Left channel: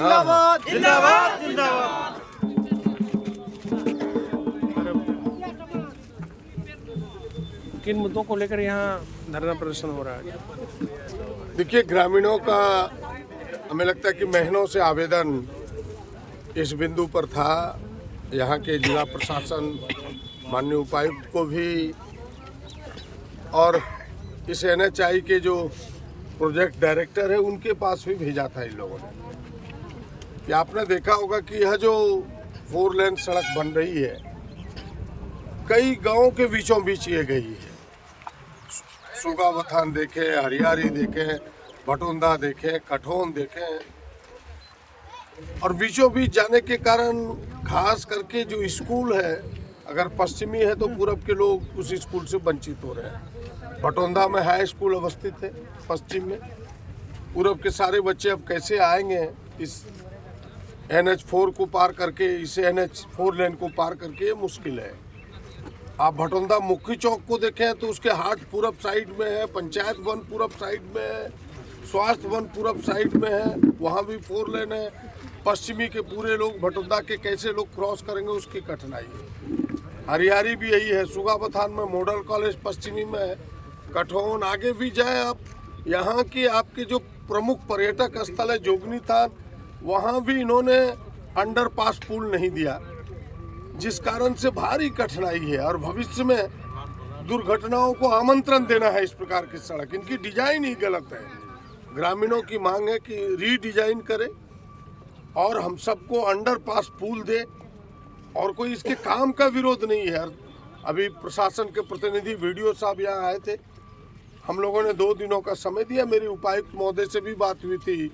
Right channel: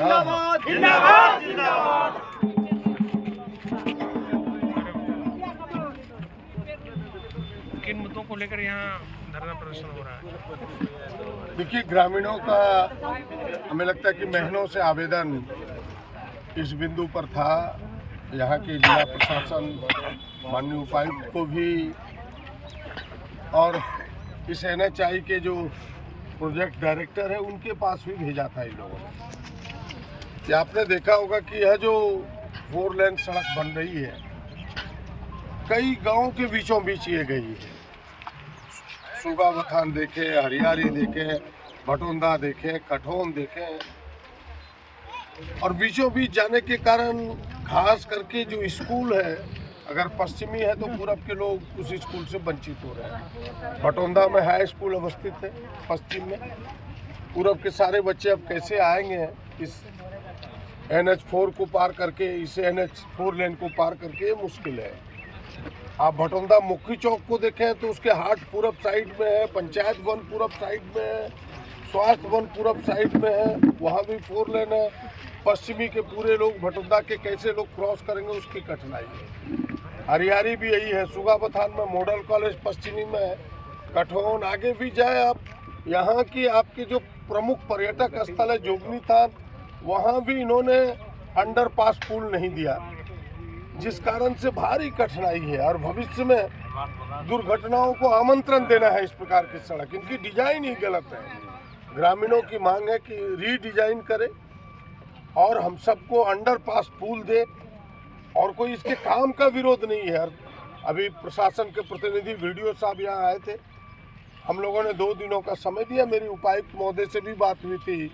जिंदाबाद जिंदाबाद जिंदाबाद। किन मुद्दों को लेकर यहाँ धरना प्रदर्शन हो रहा है? देखिए, ग्रामीणों का हमें लगता है कि महीनों से आवेदन इस बिंदु पर था। यहाँ के जिला प्रशासन, माननीय उपायुक्त को भी और इस NHI के जो प्रोजेक्ट डायरेक्टर है उनके पास भी भेजा था इन लोगों ने। कि आपने देखा होगा कि यह जो 4 लेन सड़क बन रही है कई गांवों के बीचों बीच ये गई है। सुगावथान देखे, हरियारी देखे, भटोंदा देखे, कठोन देखे, और बीचों बीच जाने के कारण खास करके जो स्कूल है, अगर पश्चिमी है तो पूरब के लोग उस स्कूल से वंचित हो रहे हैं। भटोंदा में हाई स्कूल अवस्थित है पश्चिम में, पूरब के सारे बच्चे अब कैसे आएंगे इस NH4 को पार करके, इसे NH4 लेन को पार करके, ये मुश्किल है। आप भटोंदा मुख्य चौक को देखें तो उसके हाट पूरब साइड में है, पंचायत वन पूरब साइड में है, स्वास्थ्य वन पूरब साइड में है, वहाँ भी 4 लेन है। पश्चिमी के पूरे लोग भटोंदा के कैसे लोग क्रॉस करेंगे उसकी कठिनाई है। हरियारी भी यही है, सुगावथान में मॉडल कॉलेज पश्चिमी में है, कठोन आगे भी जाए आप, यहाँ की आपकी जो प्रमुख पर्यटक स्थल है जोगनी थान, वहाँ भी इन्होंने अंडरपास पुल नहीं दिया, जिस कारण से भारी कठिनाई है। और भविष्य में दुर्घटनाओं को आमंत्रण देना है इस प्रकार की सड़क, इनकी डिजाइन ही गलत है। ग्रामीणों की मांग है कि रीडिजाइन करे और हम सबको अंडरपास पुल दे, और कोई इसके काम का विरोध नहीं है। अभी प्रशासन के प्रतिनिधि वीडियो साहब यहाँ आए थे, हम लोगों ने 2 दिनों का समय दिया। मेरी उपायुक्त महोदय से भी बात हुई थी,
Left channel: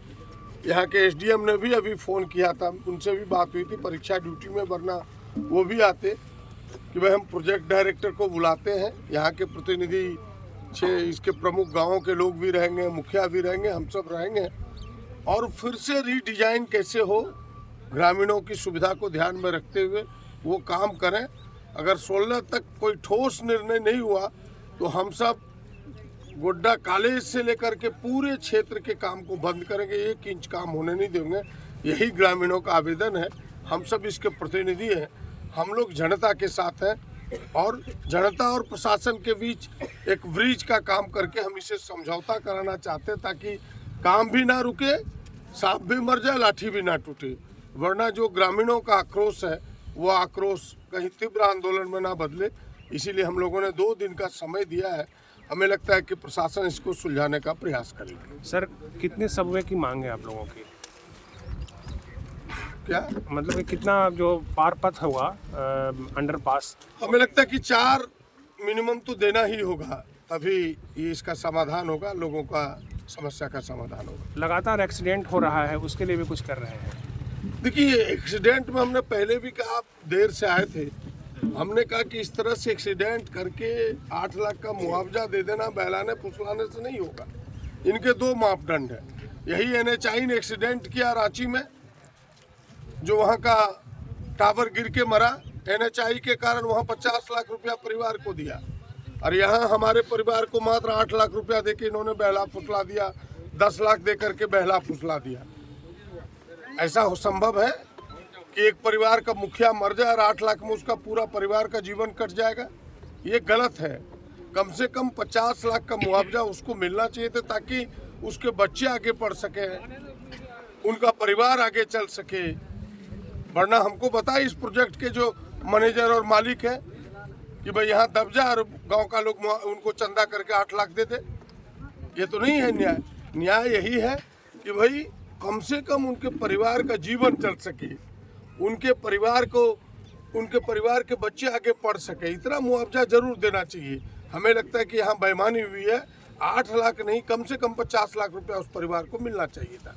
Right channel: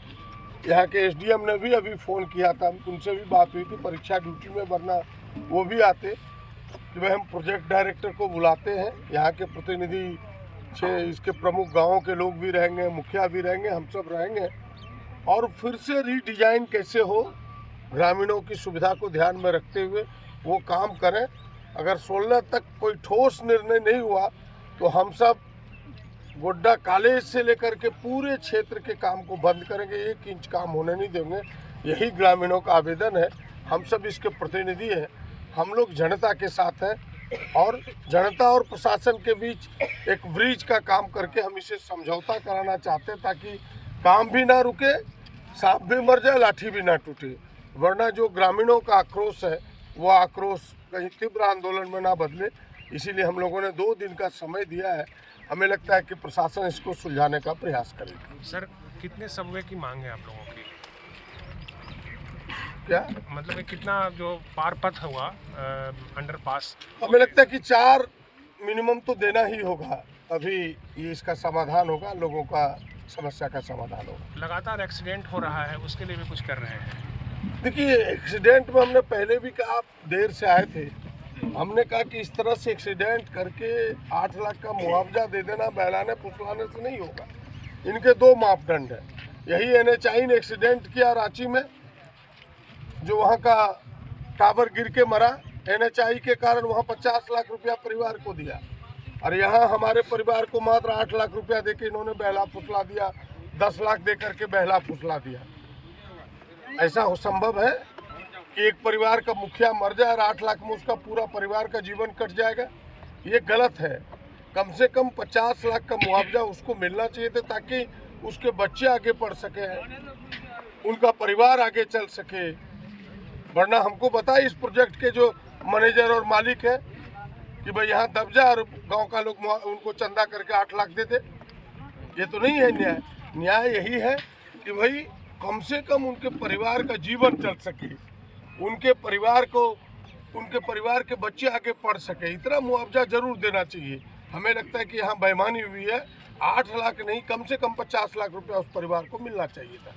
यहाँ के SDM ने भी अभी फ़ोन किया था, उनसे भी बात हुई थी। परीक्षा ड्यूटी में, वरना वो भी आते कि भाई हम प्रोजेक्ट डायरेक्टर को बुलाते हैं, यहाँ के प्रतिनिधि इसके प्रमुख गाँवों के लोग भी रहेंगे, मुखिया भी रहेंगे, हम सब रहेंगे, और फिर से रीडिजाइन कैसे हो, ग्रामीणों की सुविधा को ध्यान में रखते हुए वो काम करें। अगर 16 तक कोई ठोस निर्णय नहीं हुआ तो हम सब गोड्डा कॉलेज से लेकर के पूरे क्षेत्र के काम को बंद करेंगे, 1 इंच काम होने नहीं देंगे। यही ग्रामीणों का आवेदन है, हम सब इसके प्रतिनिधि हैं, हम लोग जनता के साथ हैं, और जनता और प्रशासन के बीच एक ब्रिज का काम करके हम इसे समझौता कराना चाहते हैं, ताकि काम भी ना रुके, सांप भी मर जाए, लाठी भी ना टूटे। वरना जो ग्रामीणों का आक्रोश है वो आक्रोश कहीं तीव्र आंदोलन में ना बदले, इसीलिए हम लोगों ने 2 दिन का समय दिया है। हमें लगता है कि प्रशासन इसको सुलझाने का प्रयास करेगी। सर, कितने सबवे की मांग है आप लोगों की? क्या मतलब कितना जो पार पथ हुआ अंडरपास? हमें लगता है कि 4 मिनिमम तो देना ही होगा, तभी ये इसका समाधान होगा, लोगों का समस्या का समाधान होगा। लगातार एक्सीडेंट हो रहा है, उसके लिए भी कुछ कर रहे हैं? देखिए, एक्सीडेंट में हमने पहले भी कहा, आप देर से आए थे, हमने कहा कि इस तरह से एक्सीडेंट करके 8 लाख का मुआवजा दे देना बहलाने फुसलाने से नहीं होगा। इनके 2 मापदंड हैं। यही NHI ने एक्सीडेंट किया रांची में, जो वहाँ का टावर गिर के मरा, NHI के कारण वहाँ 50 लाख रुपया परिवार को दिया, और यहाँ हमारे परिवार को मात्र 8 लाख रुपया दे के इन्होंने बहला फुसला दिया, 10 लाख दे करके बहला फुसला दिया। ऐसा हो संभव है कि एक परिवार का मुखिया मर जाए और 8 लाख में उसका पूरा परिवार का जीवन कट जाएगा? ये गलत है। कम से कम 50 लाख का मुआवजा उसको मिलना चाहिए था, ताकि उसके बच्चे आगे पढ़ सके, उनका परिवार आगे चल सके। वरना हमको बताए इस प्रोजेक्ट के जो मैनेजर और मालिक है कि भाई यहाँ दब जाए और गाँव का लोग उनको चंदा करके 8 लाख दे दे। ये तो नहीं है न्याय। न्याय यही है कि भाई कम से कम उनके परिवार का जीवन चल सके, उनके परिवार के बच्चे आगे पढ़ सके, इतना मुआवजा जरूर देना चाहिए। हमें लगता है कि यहाँ बेईमानी हुई है। 8 लाख नहीं, कम से कम 50 लाख रुपया उस परिवार को मिलना चाहिए था।